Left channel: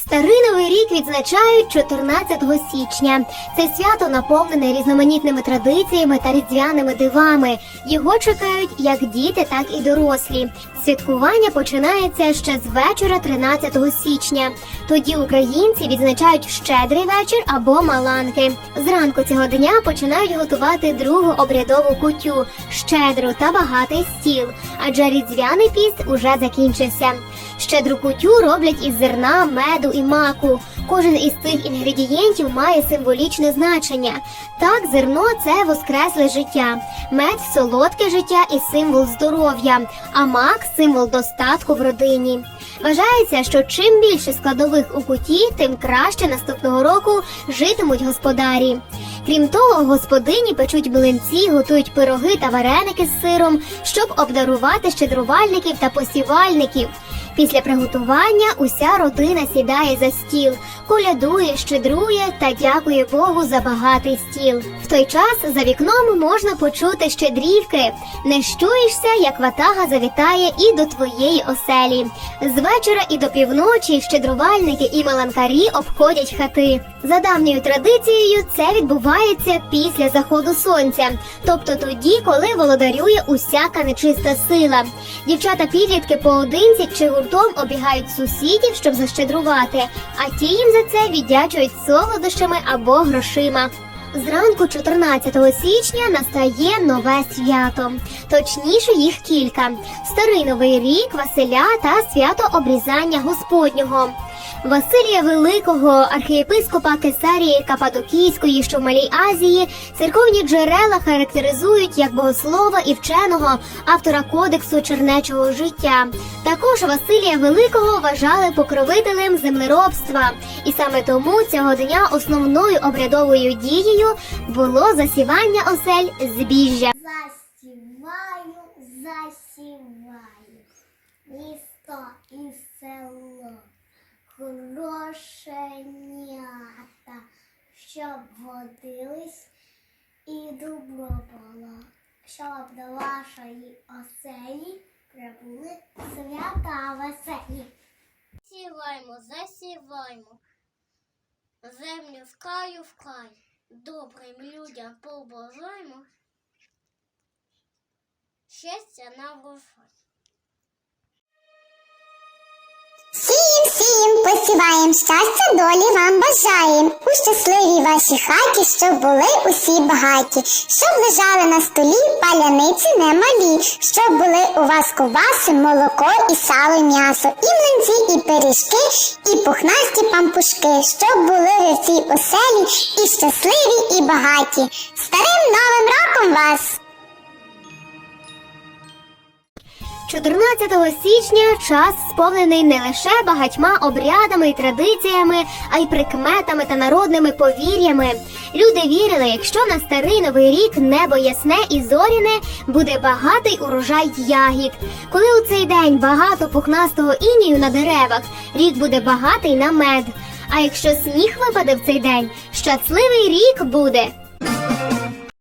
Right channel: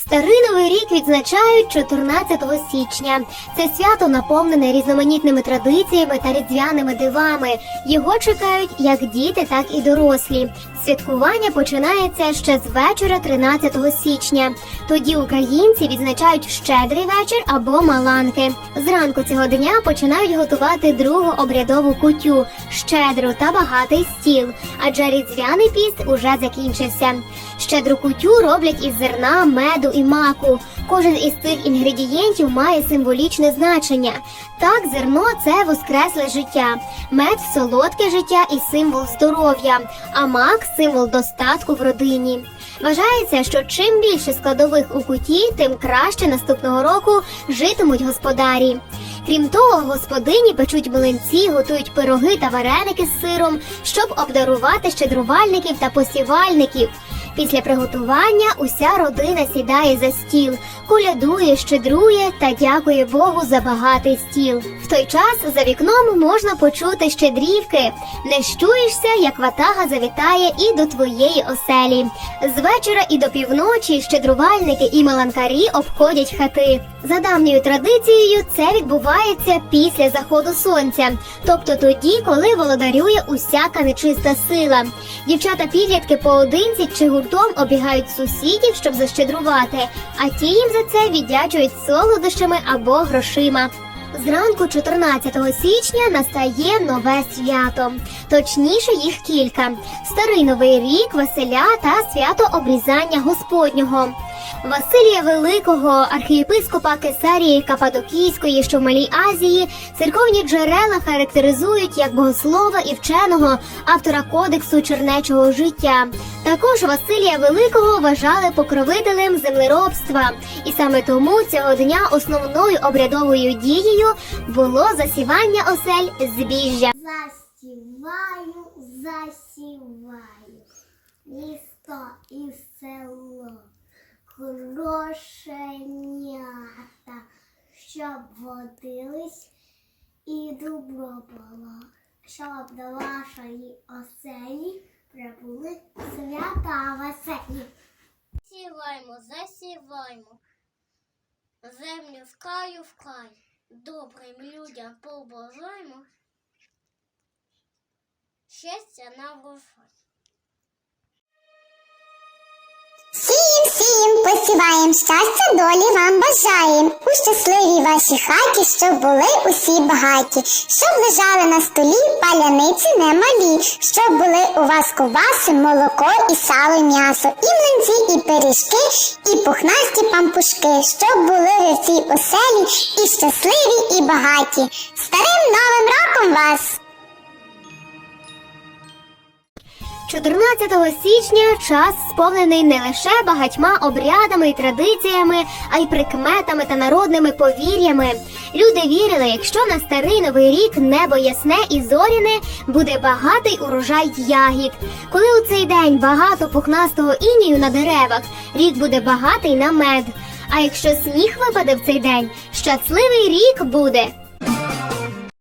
Старий новий рік відзначають 14 січня. Це свято наповнене різноманітними традиціями та різдвяними дивами. Його чекають як діти, так і дорослі. Святкування починається ще з вечора 13 січня. Тоді українці відзначають щедрий вечір або маланки. Зранку цього дня починають готувати другу обрядову кутю щедру та багатий стіл, адже різдвяний піст уже закінчився. Щедру кутю роблять із зерна, меду і маку. Кожен із цих інгредієнтів має символічне значення. Так, зерно це воскресле життя, мед солодке життя і символ здоров'я, а мак символ достатку в родині. Вважається, що чим більше складових у куті, тим краще наступного року житимуть господарі. Крім того, господині печуть млинці, готують пироги та вареники з сиром, щоб обдарувати щедрувальників та посівальників. Після приготування уся родина сідає за стіл, колядує, щедрує та дякує Богу за багатий стіл. В той час за вікном можна почути щедрівки. Не щуєшся, як ватага завітає і до твоєї оселі. З вечора і до півночі щедрувальники і маланкарі обходять хати. За давньою традицією це відбувається після заходу сонця, тобто тоді, коли володарює усяка нечиста сила. Дівчата підлітки поодинці чи гуртом обігають сусідів, щоб защедрувати, а ті їм за це віддячують солодощами або грошима. Зранку 14 січня настає нове свято, точніше їх кілька: старий новий рік, Василя та свято обрізання Господнього. Василія Великого, архієпископа Кесарії Кападокійської, що в Малій Азії, церковні джерела характеризують як богослова і вченого автора кодексу чернечого життя. Також Василія Великого вважали покровителем землеробства, і саме тому цього дня основною обрядовою дією було засівання осель збіжжя. Засіваю, засіваю, місто і село, грошенята, щоб водились і добро було, щоб до вашої оселі прибули свята веселі. Сіваймо, засіваймо, землю в краю в край, добрим людям побажаймо, щастя на врожай. Сієм, щастя долі вам бажаєм. У щасливій вашій хаті, щоб були усі багаті, щоб лежали на столі паляниці немалі, щоб були у вас ковбаси, молоко і сало, і м'ясо, і млинці, і пиріжки, і пухнасті пампушки, щоб були ви в цій оселі і щасливі, і багаті. Старим новим роком вас! 14 січня час сповнений не лише багатьма обрядами і традиціями, а й прикметами та народними повір'ями. Люди вірили, якщо на старий новий рік небо ясне і зоряне, буде багатий урожай ягід. Коли у цей день багато пухнастого інію на деревах, рік буде багатий на мед. А якщо сніг випаде в цей день, щасливий рік буде.